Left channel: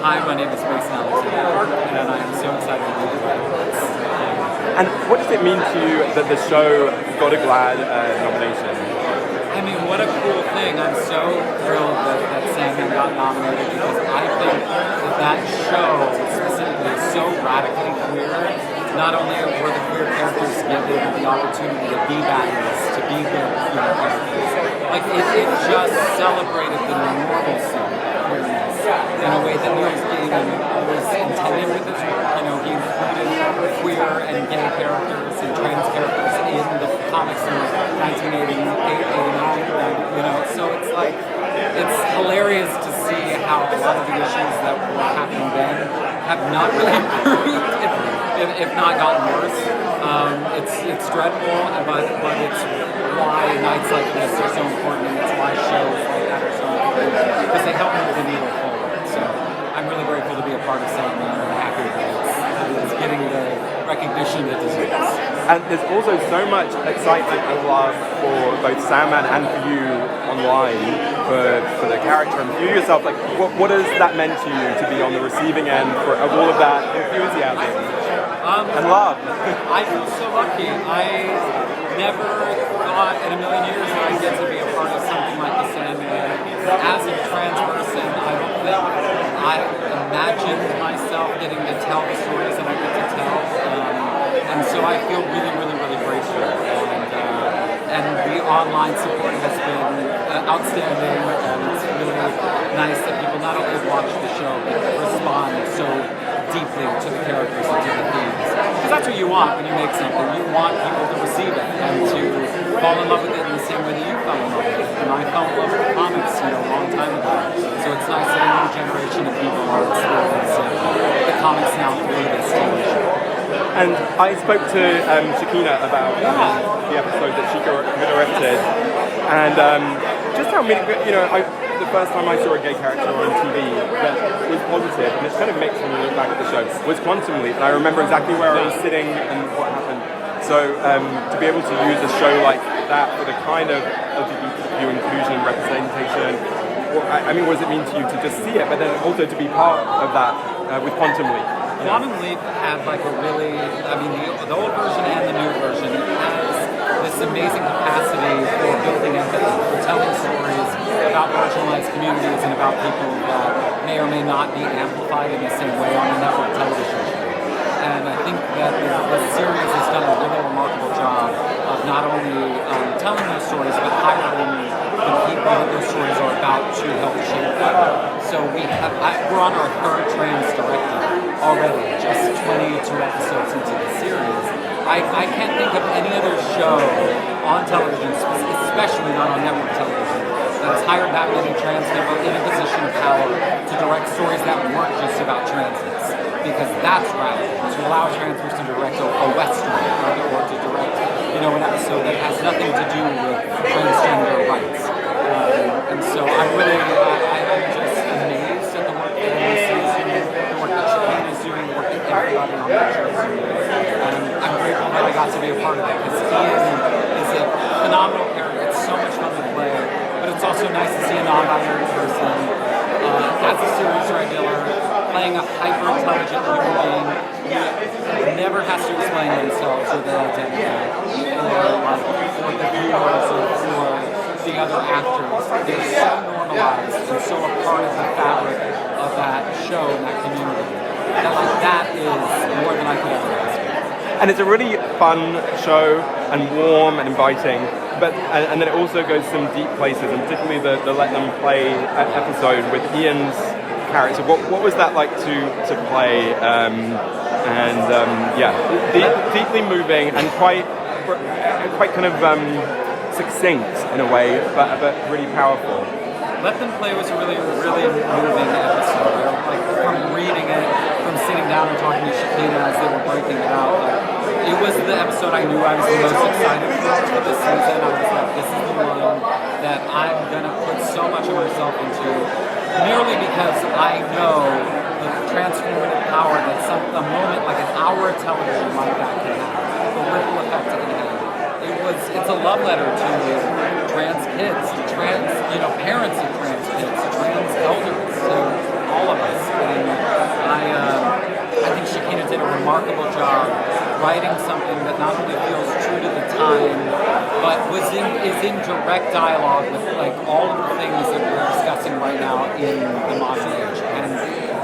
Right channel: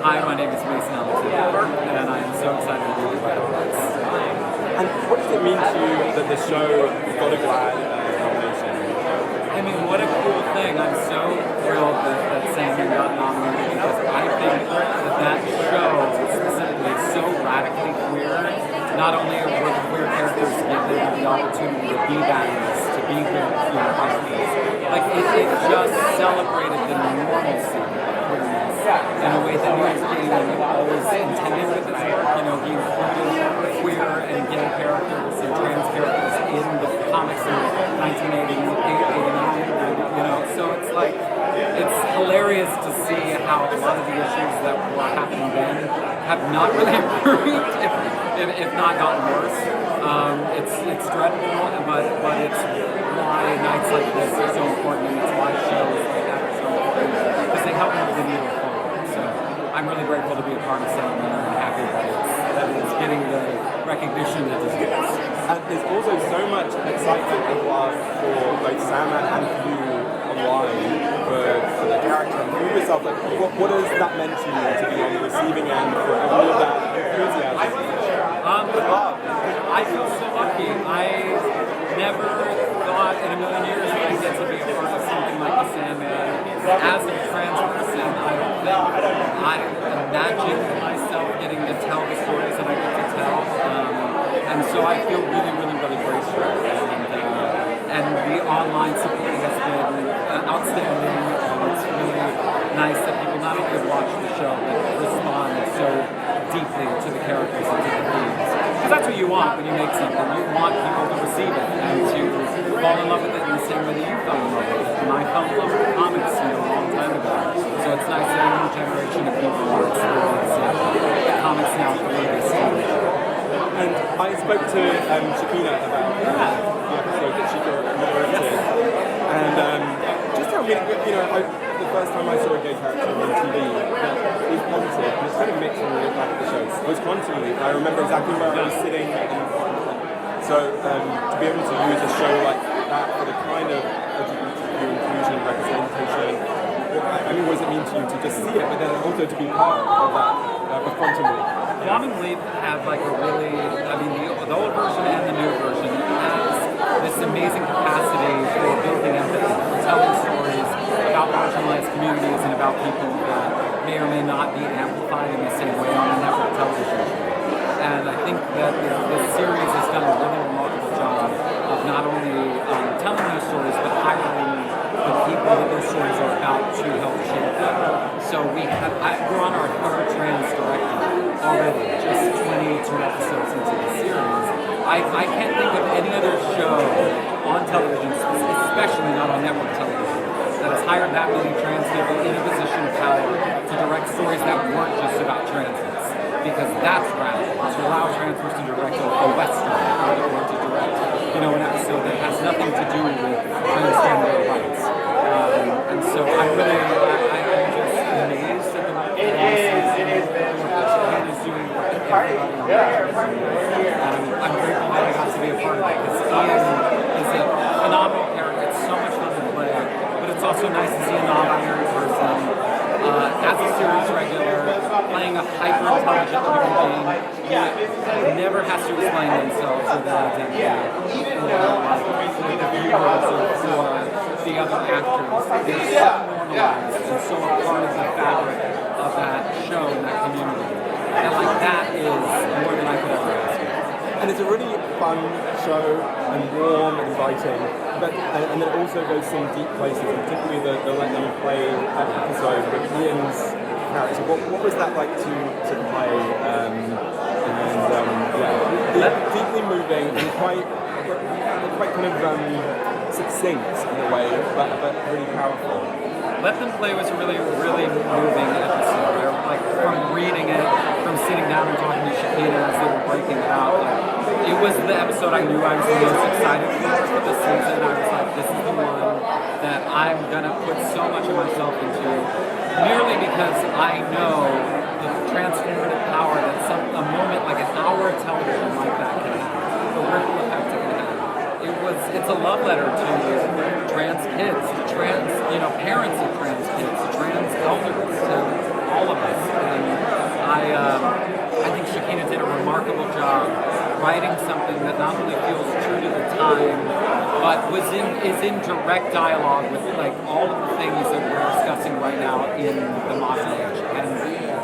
Hi, my name is Mason Alexander, and I am so excited to be a part of this. And what does it mean to you that the show got a GLAAD nomination? I mean, what a cool thing. I'm so thrilled that Sandman got nominated because I think that show specifically is so radically queer. Not only were the queer characters given the opportunity to be baddies, to be the characters, like it just celebrated the normalcy of queerness in a way that Neil Gaiman always intended with his work. He included queer and gay characters and trans characters in the comics in 1988, 89, so it's like, it's hilarious to see how a lot of the issues that were happening then have not really improved, if not gotten worse. It's dreadful, but it's why nights like this are so important, and it's why shows like that are so important, because they help move the needle forward. So I'm really grateful to be a part of Sandman, and happy that it's getting the recognition it deserves. And there's also so much excitement and love for both Sandman and for you online for the character and for yourself. Like, what has that meant to you to be on the receiving end of all of that enthusiasm and love? I feel so lucky. I never thought in a million years that I'd get to be a part of something like the Sandman. As a trans person, I don't think I imagined myself getting to tell the stories that I get to tell. And so I feel really, really, really grateful. And the online support has been outstanding, and it's really nice that people not only watch the show, but respond so deeply to the characters and to the themes. Because that's what you want when you make something. You want people to receive it and to fall in love with it in the same way that you fell in love with it. And I fell in love with comics, a long time ago. So it's nice that a new generation of people are experiencing the comics now through this TV show. And I spoke to Shakina about the episode that she co-directed, and just how many, the first time I saw a gay character on TV that was positive, and it's kind of mixed when you look back at the show, was Quantum Leap. I remember exactly where I was sitting, and so to be able to use a show like that for the kind of LGBTQ inclusion and representation, I mean, what does it mean to you to just see it, but then also to be part of that with Quantum Leap? Quantum Leap had like a really, the old version and the new version, it has this amazing capacity for building empathy, for telling stories about marginalized communities and about people that may or may not be amplified in the same way on a network television show. And I think that the series has done a really remarkable job of not only telling those stories, but highlighting the people that those stories are about to help shape them. So we're on our third trans director already, just 22 episodes into the series. I can't think of any other show on television, especially not on network television, that has hired that many trans people in a position of power to direct stories that weren't just about transness. Because that's radical, to allow a trans person to direct a Western or to direct, an episode that has nothing to do with transgender rights. And so I'm just amazed at the work that NBC is doing, the work that Shakina is doing, the work that everybody on that show is doing. And I'm grateful that I got to be a part of it, because Ian is a phenomenal character. It's so much fun to play, but it's also nice to see a non-binary person as a series regular, playing a hyper-intelligent human being who never has to explain themselves or their identity, or for the viewers or for the other actors. They're so normalized and so a part of the fabric of that show and that community that is more than I could ever ask for. And it's a really fun show and warm and inviting, and then it also goes some deep places, and particularly the Let Them Play episode with Ian's character. What was that like to play? Deeply moving and quite kind of succinct in a way, but really powerful. Let Them Play was a really, really moving episode. From reading it, from sitting down and talking to Shakina as they were breaking it out, it was the episode I knew I was the most excited for this season. I was like, this is the one that I'm gonna put so much of myself into, merely because I know the transformative power that a moment like an hour of television like that can have, the ripple effect it can have. It's a love letter to trans kids, to trans, parents of trans kids, to trans elders, to all of us. And I think Shakina did a remarkable job writing something that not only feels true to the time, but is in direct dialogue with like all of the things that we're discussing right now in the modern age. And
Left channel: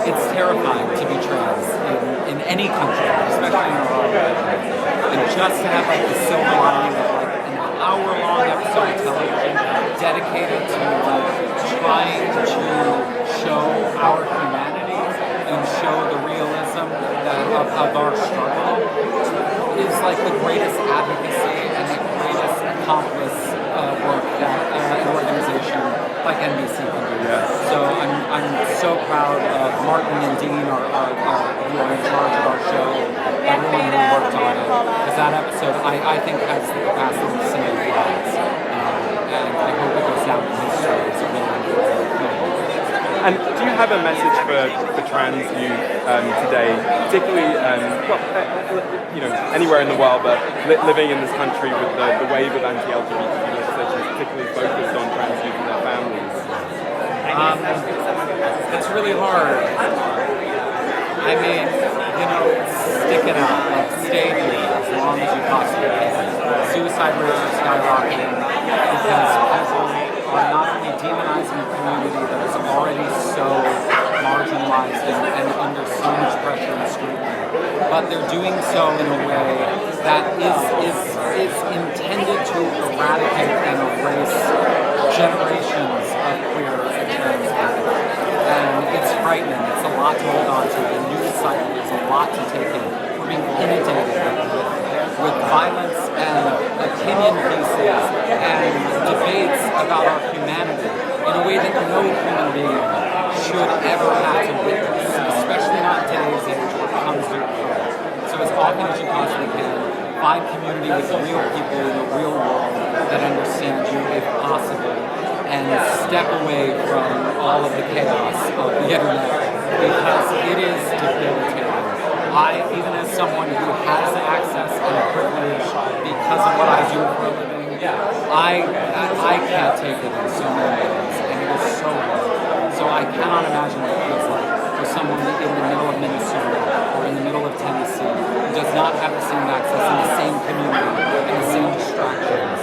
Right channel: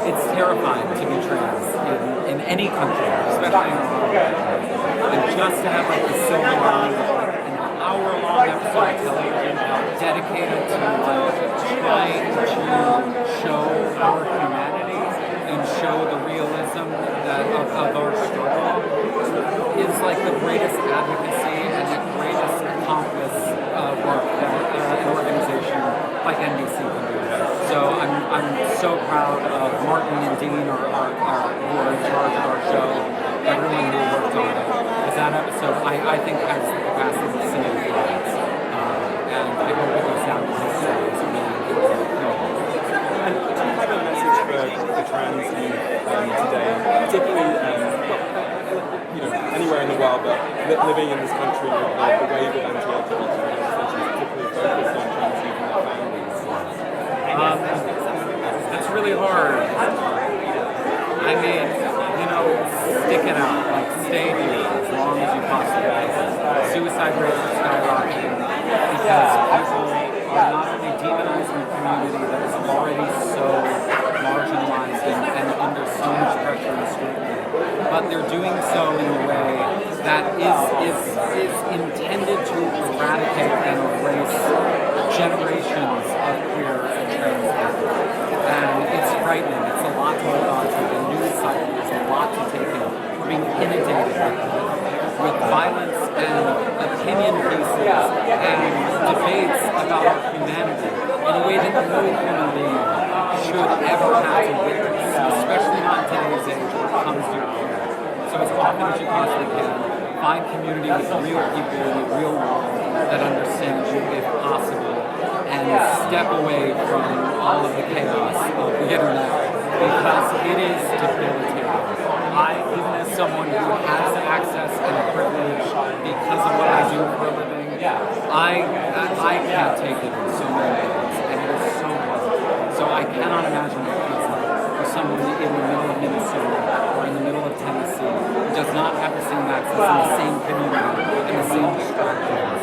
it's terrifying to be trans in any country, especially in our own country. And just to have like the silver lining of like an hour-long episode of television dedicated to like trying to show our humanity and show the realism of our struggle is like the greatest advocacy and the greatest accomplice work that an organization like NBC can do. So I'm so proud of Martin and Dean, who are in charge of our show, everyone who worked on it. Because that episode, I think, has the capacity to save lives. And I hope it goes down in history. It's a really important moment. And do you have a message for trans youth today, particularly, anywhere in the world, but living in this country with the wave of anti-LGBT legislation, particularly focused on trans youth and their families? It's really hard. I mean, stick it out. Like, stay here as long as you possibly can. Suicide rates are skyrocketing because people are not only demonizing a community that is already so marginalized and under so much pressure and scrutiny, but they're doing so in a way that is intended to eradicate and erase generations of queer and trans people. And it's frightening. It's a lot to hold on to. The news cycle is a lot to take in. We're being inundated with violence and opinion pieces and debates about our humanity in a way that no human being should ever have to witness, especially not in today's age where it comes to your phone. So as often as you possibly can, find community with real people in the real world that understand you if possible, and step away from all of the chaos of the internet because it is debilitating. Even as someone who has access and privilege because of what I do for a living, I can't take it in so many ways, and it is so hard. So I cannot imagine what it feels like for someone in the middle of Minnesota or in the middle of Tennessee who does not have the same access and the same community and the same distractions.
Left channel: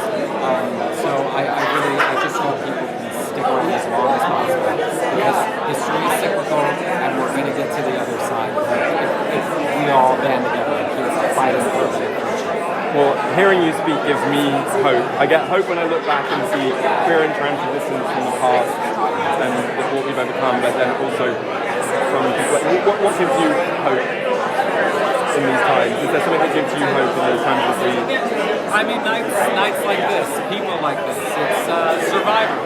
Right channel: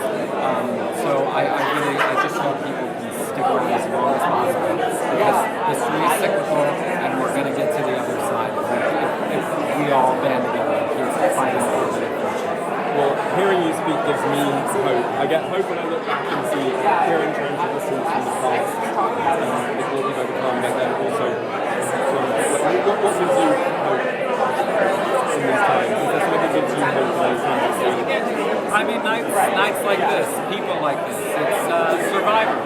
So I just hope people can stick around as long as possible because history is cyclical and we're going to get to the other side if we all band together and keep fighting for a better future. Well, hearing you speak gives me hope. I get hope when I look back and see queer and trans resistance from the past and what we've overcome, but then also what gives you hope in these times? Is there something that gives you hope in those times of seeing? I mean, nights like this, people like this, it's survivors.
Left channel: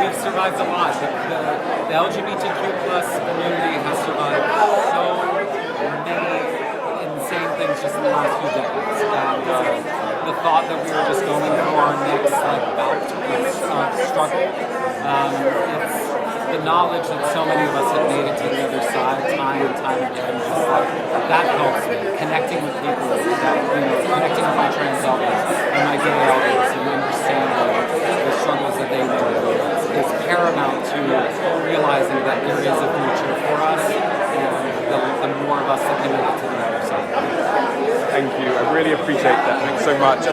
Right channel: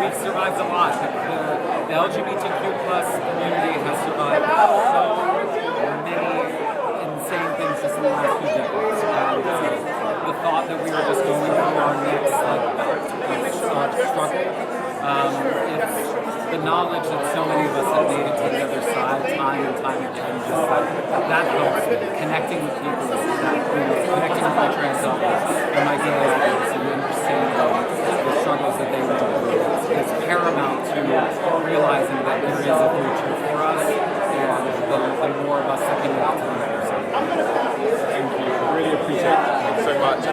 We've survived a lot. The LGBTQ plus community has survived so many insane things just in the last few decades. And the thought that we are just going through our next bout of struggle, it's the knowledge that so many of us have made it to the other side time and time again, just that helps me. Connecting with people, connecting with my trans elders and my gay elders and understanding the struggles that they went through is paramount to realizing that there is a future for us and the more of us that can make it to the other side. Thank you. I really appreciate that. Thanks so much.